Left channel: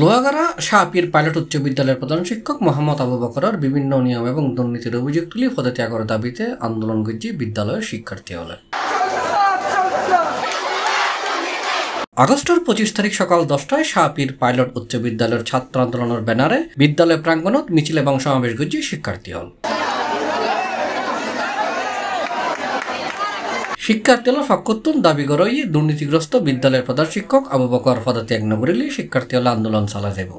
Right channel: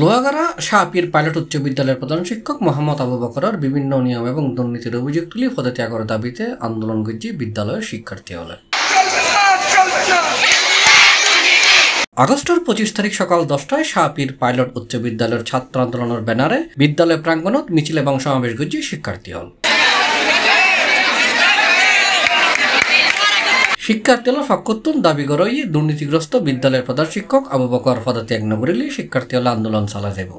Lohagara শাহপীর pilot উচ্চ বিদ্যালয়ের প্রধান শিক্ষক মোহাম্মদ আবু বকরের বিভিন্ন নিয়ম এবং দুর্নীতির অভিযোগ তুলে পদত্যাগের দাবিতে আন্দোলন করছে বিদ্যালয়ের শিক্ষার্থী হলে। আগস্টের 25 তারিখ সকাল 10টায় শাহপীর পাইলট উচ্চ বিদ্যালয়ের ছাত্র আন্দোলনের ব্যানারে বিদ্যালয় প্রাঙ্গণত মিছিল এবং সমাবেশ করছে শিক্ষার্থী হল। শিক্ষার্থী হল ফকতুন দাবি করে দুর্নীতিগ্রস্ত বিদ্যালয়ের প্রধান শিক্ষক আবু বকর পদত্যাগ না করিলে শিক্ষার্থী হলে আন্দোলন চালা যাব।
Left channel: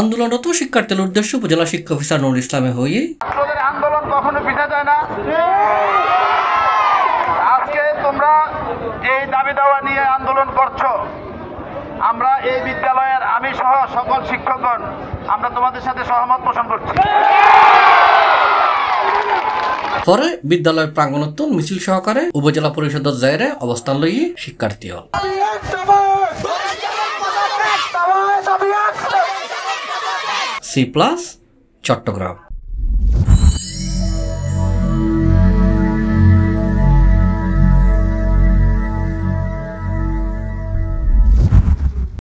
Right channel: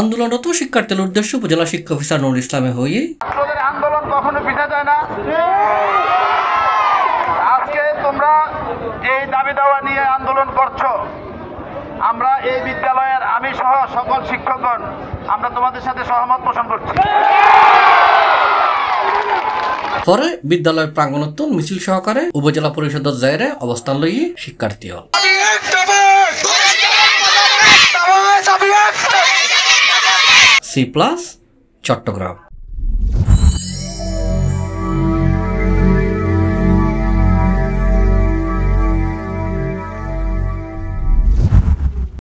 আন্দোলনরত শিক্ষার্থীর উদ্দেশ্য উপজেলা শিক্ষা অফিসার নুরুল ইসলামে হয়ে আন্দোলন কখনো পিছা যায় না। আজকে তোমরা এই দাবি দাওয়া নিয়ে আন্দোলন করছো, আমরা এই বিদ্যালয়ের আমি সহ সকল শিক্ষকগণ আমরা তোমাদের সাথে সহমত পোষণ করছি। পরে বিদ্যালয়ের প্রাঙ্গণত মিছিল সহকারে উপজেলা পরিষদের জায়গায় অবস্থান লই শিক্ষার্থী হল। C+ চট্টগ্রাম।